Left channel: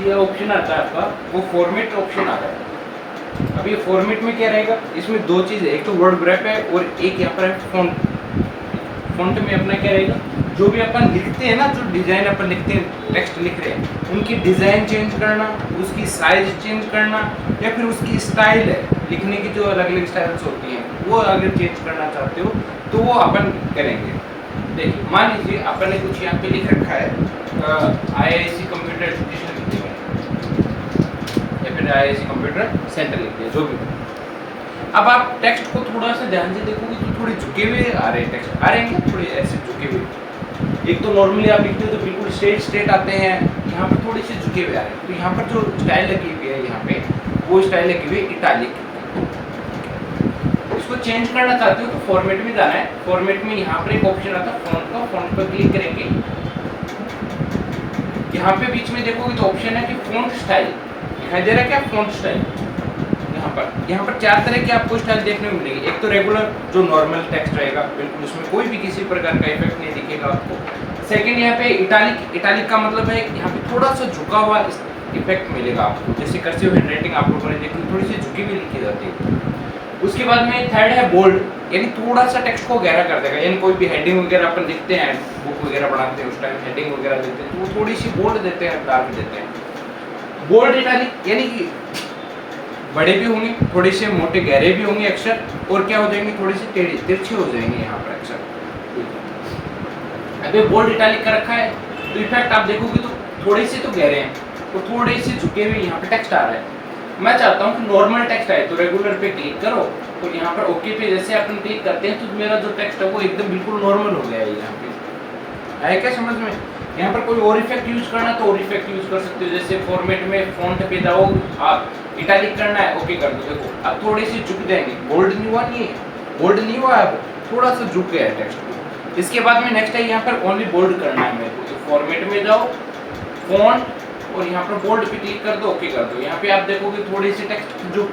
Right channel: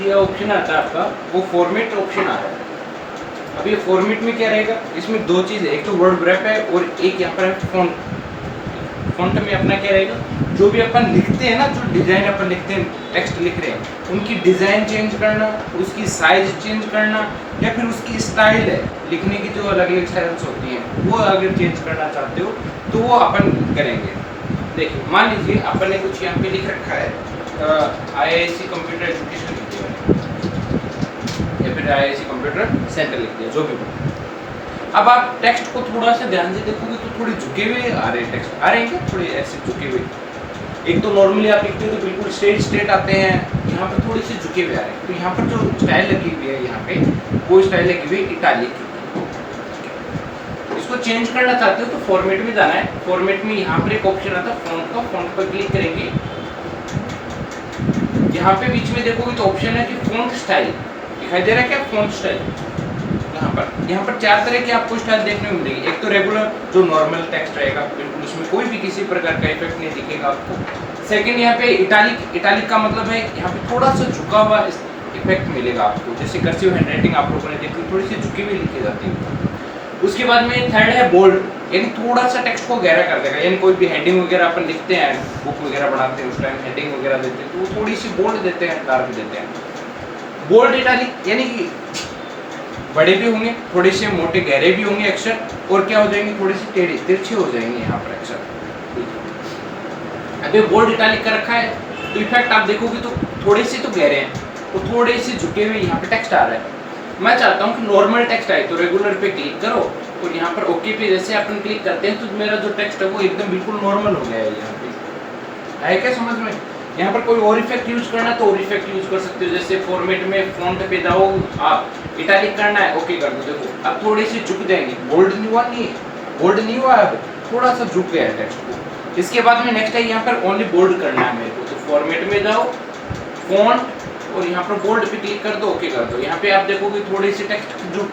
ये ऑप्शन आता है आपका, वो फॉर्मेट ऑप्शन आता है। अब ये फॉर्मेट में क्या रहेगा, इसमें दो चीज़ है, एक तो वर्ड रैप है और एक यहाँ पर है फॉन्ट। फॉन्ट में अपना क्या रहेगा, जो भी अपन लिखते हैं ना, जो डिज़ाइन अपन लिखते हैं, टेक्स्ट लिख रहे हैं, उनकी डिज़ाइन चेंज करना, उसकी साइज चेंज करना, या फिर उसकी स्टाइल है लिखने की, जो अलग अलग स्टाइल्स होती हैं, वो अगर चेंज करना चाहते हो तो वो अपन करेंगे। देखिए मान लीजिए अपन ने कुछ यहाँ पे लिख रखा है, IISc कंप्यूटर एजुकेशन लिख दिया है, या फिर IISc कंप्यूटर सेंटर लिख दिया, जो भी। अब आप टेक्स्ट को थोड़ा सा ध्यान से देखोगे तो थोड़े झुके हुए आ रहे हैं, टेक्स्ट आ रहे हैं क्या, थोड़े ऐसे झुके हुए। एक तो नॉर्मली आप लिखते हो तो बिल्कुल स्ट्रेट आते हैं, यहाँ पर थोड़ी सी झुके हुए आ रहे हैं। तो यहाँ पर जो स्टाइल लगी हुई है, यहाँ पे वो स्टाइल लगी हुई है इटालिक। इसको चेंज करना चाहते हो तो फॉर्मेट में जाना है। फॉर्मेट में यहाँ पर एक ऑप्शन आता है फॉन्ट का, फॉन्ट पर क्लिक करेंगे। यहाँ पे बीच में देखोगे तो ऑप्शन है कि फॉन्ट स्टाइल दिखाई दे रहा है क्या, फॉन्ट स्टाइल। यहाँ पर चार तरह के आपको स्टाइल देखने को मिलेगी। एक तो रेगुलर जो नॉर्मल टेक्स्ट रहेगा, बिल्कुल उसमें कोई भी किसी प्रकार का इफेक्ट नहीं दिखेगा आपको। सेकंड यहाँ पे इटालिक, इटालिक का मतलब है यहाँ पे थोड़ा सा झुका हुआ इफेक्ट मिलेगा आपको, जैसे कर्सिव हैंडराइटिंग आप लोगों ने देखी थोड़ी सी झुकी हुई लिखी जाती है। उसके बाद में थर्ड है बोल्ड, यानी थोड़ा सा टेक्स्ट को गहरा कर देगा, यानी कोई भी हेडिंग वगैरह अपन लिखते हैं, बुक वगैरह बनाते हैं, उस टाइम हेडिंग वगैरह देते हैं तो वो थोड़ी सी बोल्ड देते हैं, डार्क देते हैं। बोल्ड इटालिक यानी कि बड़े भी होंगे, थोड़े से मोटे गहरे भी होंगे अक्षर, और क्या हो जाएंगे, थोड़ी सी टेढ़ी तिरछे हो जाएंगे यहाँ पर अक्षर। अभी बोल्ड इटालिक कर रखा है तो इफेक्ट आप देखोगे तो थोड़े से तो गहरे हैं और थोड़े से झुके हुए यहाँ पे टेक्स्ट आ रहा है। मैं चाहता हूँ कि नॉर्मल टेक्स्ट आए तो रेगुलर पे क्लिक करो और यहाँ पर ओके पे जैसे अपन क्लिक करते हैं तो मेरा जो टेक्स्ट है वो एकदम बिल्कुल नॉर्मल हो गया है। यहाँ पे आया क्या समझ में। यहाँ पर कोई और इफेक्ट यूज करना तो और इफेक्ट यूज कर सकते हो, जैसे फॉर्मेट में फॉन्ट पे जाओ आप, इटालिक करना है ओके कर दो। देखो अब थोड़े से झुक जाएंगे, बोल्ड नहीं हुआ, नहीं बोल्ड नहीं हुआ, अब थोड़ा सा झुक गया है टेक्स्ट। इसके बाद में नेक्स्ट है यहाँ पर ओनली बोल्ड करना है मेरे को, तो फॉर्मेट में जाओ फॉन्ट और यहाँ पर बोल्ड पे क्लिक कर दो, ओके कर दो। यहाँ पे आप देखोगे थोड़े से टेक्स्ट जो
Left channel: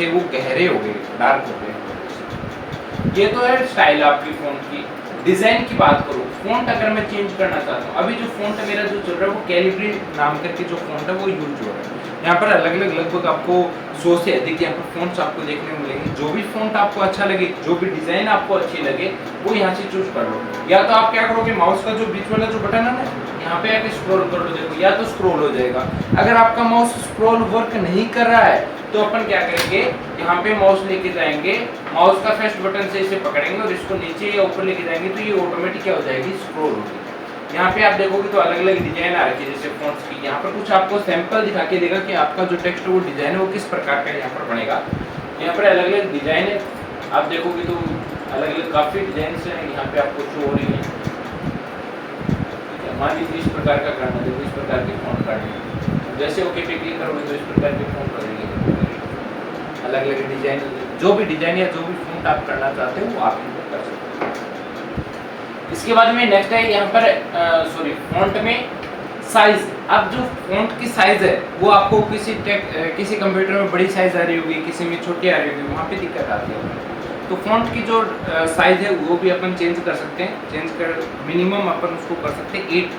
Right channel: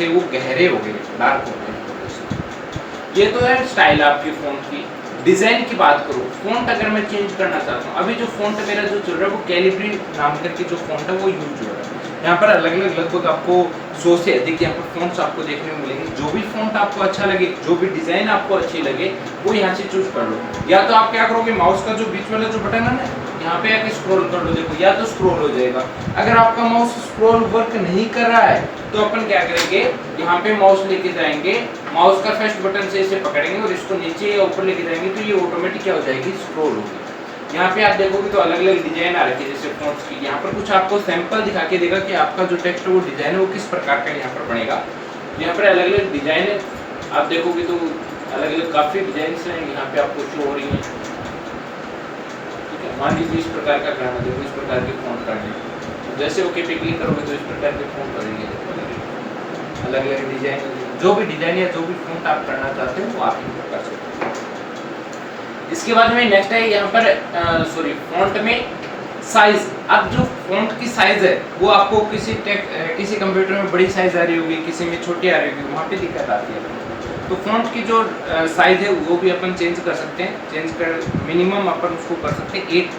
थे वो गहरे हो गए, डार्क हो गए। ये तो है स्टाइल आपकी फॉन्ट की। डिजाइन की बात करो, फॉन्ट अगर मैं चेंज करना चाहता हूँ, अभी जो फॉन्ट मेरा जो चल रहा है वो कैलिब्री नाम करके जो फॉन्ट है वो यूज हो रहा है। यहाँ पर अलग अलग लगभग आपको 100 से अधिक यहाँ पर फॉन्ट्स आपको देखने को मिलेंगे। जो भी फॉन्ट आपको अच्छा लगे, जो भी डिजाइन आपको अच्छी लगे वो यहाँ से चूज कर लो। या तो आप क्या करोगे, माउस का जो बीच वाला जो बटन है ना, यहाँ पे आके स्क्रॉल कर लो, देखो या तो स्क्रॉल हो जाएगा। अगर आपका माउस स्क्रॉल वर्क नहीं कर रहा है तो अपन क्या करेंगे, यहाँ पे माउस लेके जाएंगे, माउस का फर्स्ट बटन से इसे पकड़ेंगे और इसको नीचे या ऊपर लेके जाएंगे तो ये ऑटोमेटिक क्या हो जाएगी, स्क्रॉल होगी। यहाँ पे आप देखोगे तो अलग अलग डिजाइन आ रखी है जैसे फॉन्ट्स की। यहाँ पर कुछ आपको सैंपल दिखा के देगा कि आपका जो टेक्स्ट है वो डिजाइन है वो किस प्रकार का यहाँ पर बनेगा। यहाँ पर अलग अलग डिजाइन है, आप देखोगे तो अलग अलग काफी डिजाइन है यहाँ पे आपको शो हो रही है। मान लीजिए इस प्रकार का करना, देखो इस प्रकार के फॉन्ट करने, जैसे ओके पे क्लिक करोगे तो इस प्रकार के फॉन्ट करेंगे। अलग अलग डिजाइन, जो भी डिजाइन या जो भी फॉन्ट आप करना चाहते हो वो आप ही कर सकते हो। इसके बाद में नेक्स्ट है यहाँ पर सॉरी फॉन्ट में साइज। अब जो फॉन्ट की साइज है वो आपको किसी कंप्यूटर में बड़ी साइज आ रही होगी, किसी में छोटी आ रही होगी, वहाँ पे दिक्कत आती है। तो फॉन्ट की जो साइज है वो भी अपन चेंज कर सकते हैं। चेंज कर मिनिमम अपन उसको कर सकते हैं 8,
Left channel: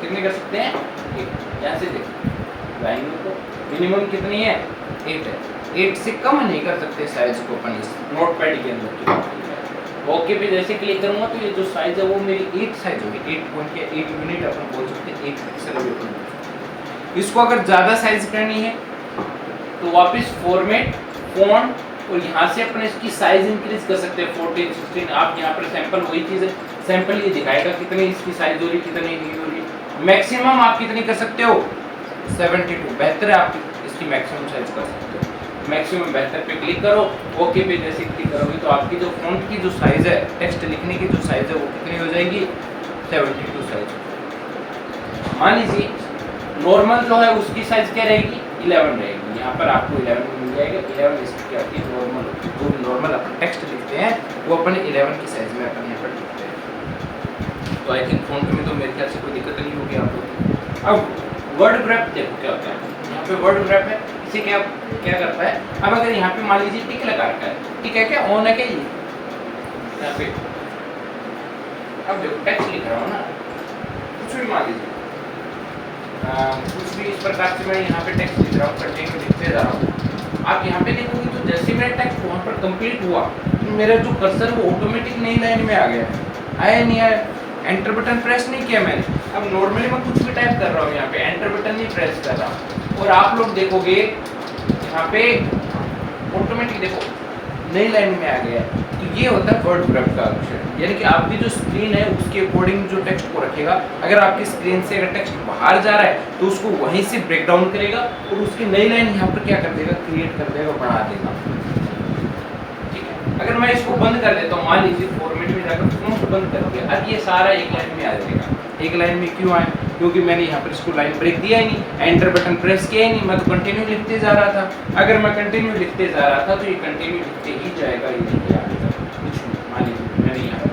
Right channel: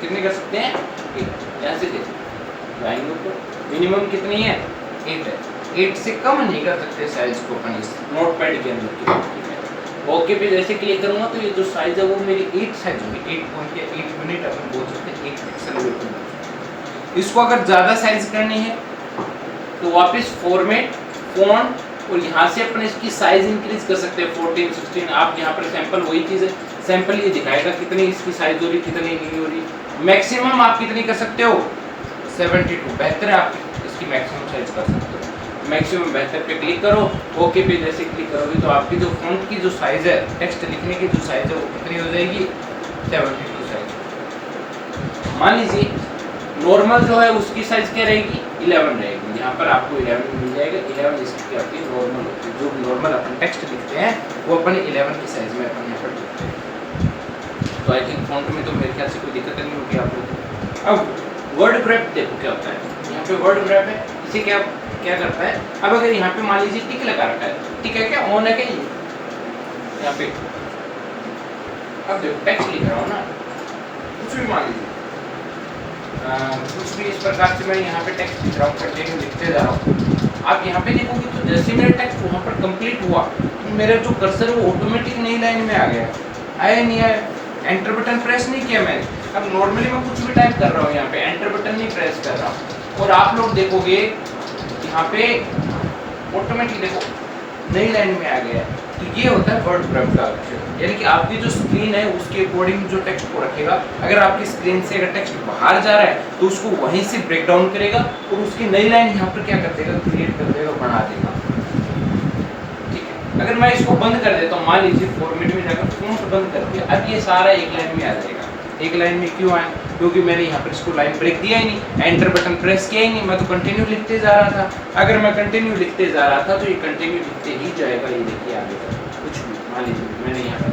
कितने कर सकते हैं 8। यहाँ से देखो लाइनों को मिनिमम कितनी है 8 है, 8 से कम नहीं कर सकते साइज को अपन इस नोट पैड के अंदर। ओके पे जैसे क्लिक करूँगा तो ये जो साइज है वो मेरी 8 साइज होगी, 8 पॉइंट या 8 यूनिट अपन बोल सकते हैं, 1 पिक्सल। इसको अगर ज़्यादा साइज करनी है तो वापस फॉर्मेट फॉन्ट और यहाँ से अपन इसकी साइज इंक्रीज कर सकते हैं 14, 16। आप यहाँ पर सैंपल वही चीज़ है, सैंपल ये दिखाएगा कितनी इसकी साइज हो रही, कितनी नहीं हो रही। मैक्सिमम आप कितनी कर सकते हो 72, बेहतर है आप इसकी मैक्सिमम साइज कर सकते हो। मैक्सिमम बेहतर पे क्लिक करो, ओके पे जैसे क्लिक करोगे तो आपकी जो फॉन्ट की जो साइज है, टेक्स्ट लिखने की जो साइज है वो कितनी हो जाएगी 72 साइज। मान लीजिए नॉर्मल जो है उसकी साइज क्या रहेगी 11 रहेगी। यहाँ पर आपको 11 मिल जाएगा। 11 इसकी क्या होती है नॉर्मल होती है। जो नॉर्मल अपन टेक्स्ट लिखते हैं वो अपन 11 की साइज में अपन यहाँ पर लिखते हैं। तो आई थिंक फॉन्ट में तो मेरे ख्याल से कोई दिक्कत नहीं होगी आपको। अब वर्ड ग्रैप देखो क्या होता है। यहाँ पे वर्ड ग्रैप है, इसे क्या करता है। अब अगर यहाँ पे मान लीजिए टिक लगा रखा है, टिक है क्या ऑन है क्या ये यहाँ पे। अब देखो टेक्स्ट लिख रहा हूँ ना, कुछ भी मान लीजिए कुछ भी इस प्रकार से मैं यहाँ पे टेक्स्ट लिख रहा हूँ, कंटिन्यू लिखते जा रहा हूँ। आप यहाँ पे देखोगे तो जैसे मेरा टेक्स्ट वहाँ पर कंप्लीट हुआ तो मेरा जो कर्सर वो ऑटोमेटिक नई लाइन में आ गया, आया नहीं आया, एंटर बटन प्रेस नहीं किया मैंने। अब नॉर्मली मैं कुछ भी टाइप कर रहा हूँ यहाँ पे एंटर बटन नहीं प्रेस कर रहा हूँ, और आप लोग देखोगे यहाँ पे ऑटोमेटिक देखो नई लाइन में आ गया। तो ये होता है वर्ड प्रेप का अक्षर, यानी कि आपकी जो स्क्रीन है उसके अकॉर्डिंग जो टेक्स्ट को रखेगा। अगर आपकी स्क्रीन से अगर टेक्स्ट बाहर जा रहा है तो उसको वहीं से ब्रेक डाउन करेगा और उसकी नई लाइन यहाँ पर क्या कर देगा, क्रिएट कर देगा, बना देगा। ठीक है, अगर मैं इसको बंद कर देता हूँ, मान लीजिए फॉर्मेट में जाकर फॉन्ट बंद कर दिया, अब ये सारा एक लाइन में आ जाएगा। एक लाइन में क्यों आया, क्योंकि मैंने यहाँ पर इसको लाइन ब्रेक दिया ही नहीं, एंटर बटन प्रेस किया ही नहीं, मैं तो कंटिन्यू लिखते जा रहा था। अगर मैं कंटिन्यू लिखते जा रहा था तो ये कंटिन्यू लिखते ही जाएगा, ये देखिए आगे तक कुछ भी। मान लीजिए मैंने यहाँ पर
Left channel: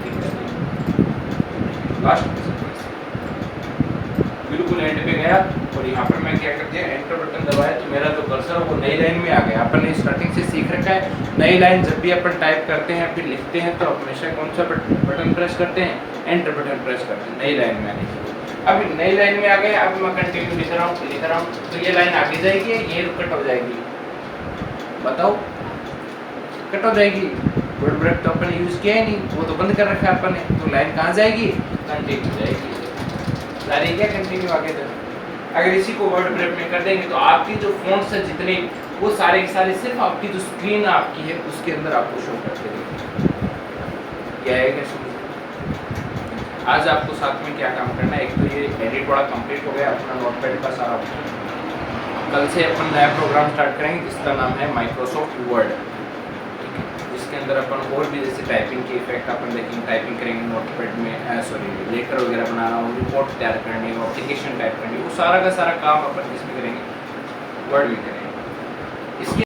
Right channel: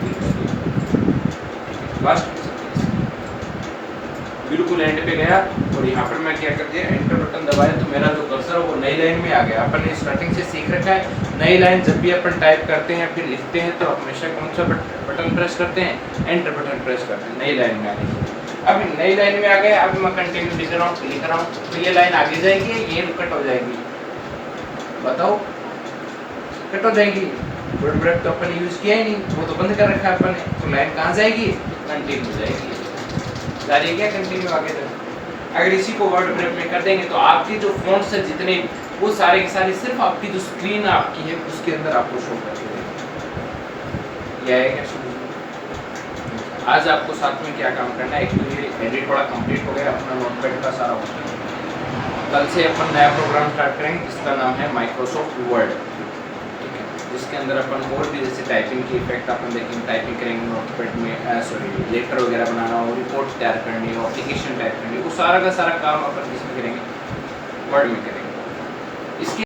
बिल्कुल एंड पे गया और यहाँ पर मैं क्या कर दिया, एंटर बटन दबाया तो मेरा जो कर्सर है वो नई लाइन में आ गया। अपन ने स्टार्टिंग से सीख रखा है, नई लाइन जब भी अपन टाइप करते हैं फिर लिखते हैं तो हमेशा कौन सा बटन प्रेस करते हैं, एंटर बटन प्रेस करते हैं, नई लाइन में आ गई। अब नई लाइन में आ गए, अब मैं कंटिन्यू लिख रहा हूँ तो ये लाइन आगे जाएगी, ये कट हो जाएगी, बताओ कट हो जाएगी। वर्ड ब्रेक तो अपन यूज किया ही नहीं, वो तो बंद कर रखा है अपन ने, तो लाइन कहाँ जाएगी, कंटिन्यू जाएगी, जारी क्या कंटिन्यू आगे तक। अगर इसी को वर्ड ब्रेक में कर देंगे तो आपकी जो फ़ॉन्ट्स है जितने वो सारे के सारे सिर्फ आपकी जो स्क्रीन आपकी है उसके अंदर आपको शो कर देंगे। यह है क्या, आज आपको साथ में क्या काम करना है, एक तो ये एडिट वाला कंप्लीट हो गया अपना नोटपैड का सारा। कल से अपन नया प्रोग्राम स्टार्ट करेंगे जिसका नाम है माइक्रोसॉफ्ट वर्ड। ठीक है, उसके अंदर अपन और भी जैसे टाइपिंग के इफेक्ट अपन देखेंगे, टाइपिंग करेंगे नोटपैड में, लेटर वगैरह बनाना हो, रिपोर्ट तैयार करनी हो, एप्लीकेशन टाइप करनी हो, वो सारा का सारा काम अपन इसमें करेंगे, वर्ड में करेंगे। इसके